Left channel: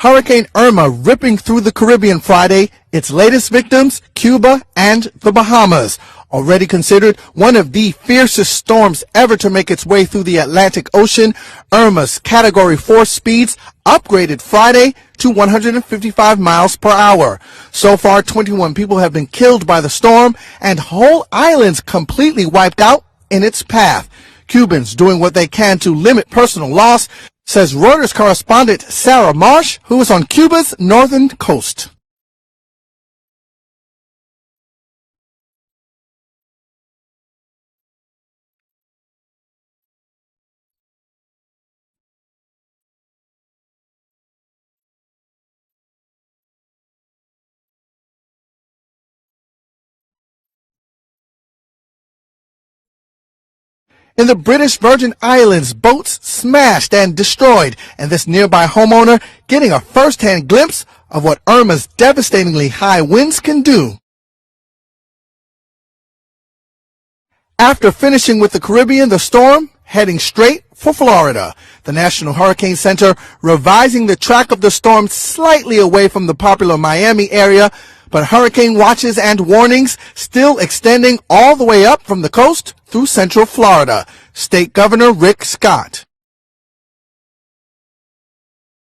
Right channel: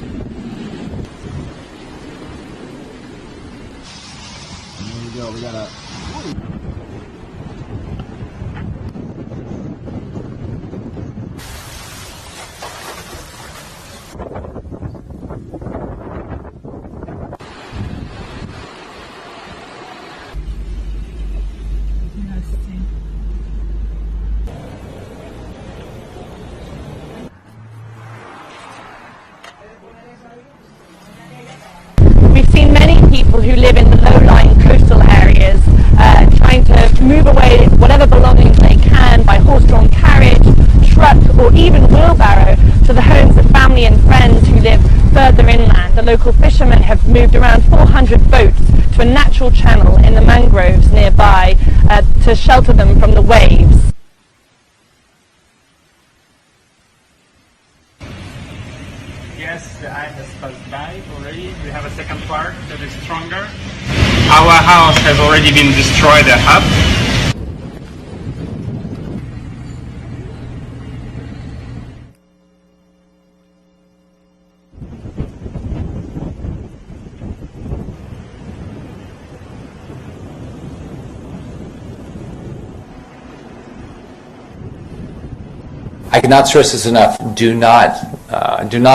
Hurricane Irma ripping through the Caribbean Friday, its latest victims, Cuba and the Bahamas. Already considered one of the fiercest storms ever to make its way through the Atlantic Ocean, Irma's Category 4 speeds upgraded Friday to 155 miles per hour. So far, 21 people have been killed by the storm and whole islands completely wiped out in its path. Cubans doing what they can to limit personal loss, says Reuters correspondent Sarah Marsh, who is on Cuba's northern coast. We've seen many people who live in the low-lying coastal areas trying to move away whatever belongings they can by horse-drawn carriage, truck or even wheelbarrow to the homes of family and friends who live further inland. The local fishermen have moved around 400 boats to a natural channel in the mangroves nearby to shelter them from the waves. In the British Virgin Islands, boats smashed and destroyed, and this nearby homeowner getting a first-hand glimpse of what Irma's devastatingly high winds can do. Our house has already been destroyed at half. After finishing with the Caribbean, the storm heading straight for Florida. The National Hurricane Center revising the track of the storm slightly away from the popular Miami area, but hurricane watches and warnings still extending all the way up from the coast through central Florida. State Governor Rick Scott. I cannot stress this enough. Do not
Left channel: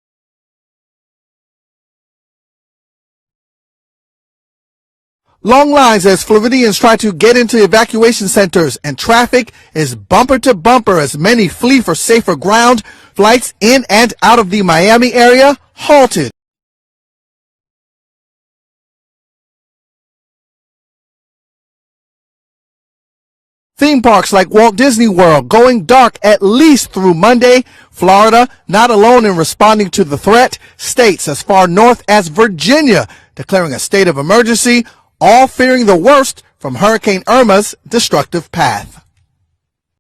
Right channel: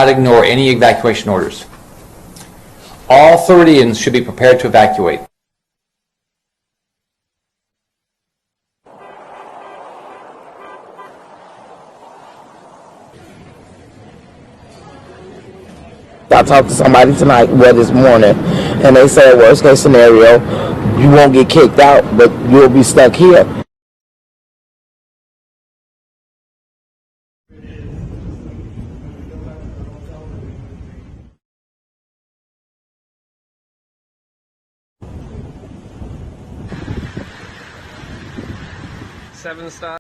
ignore any evacuation orders. All Floridians should be prepared to evacuate. Long lines as Floridians try to get into evacuation centers, and traffic is bumper to bumper as many flee for safer ground. Flights in and out of the Miami area halted. I talked to somebody tonight, this morning, and they said worst case scenario, you won't get kicked out, but you'll be stuck here. Theme parks like Walt Disney World going dark at least through Monday. Florida not alone in responding to the threat. States as far north as Virginia declaring a state of emergency, all fearing the worst from Hurricane Irma's destructive path.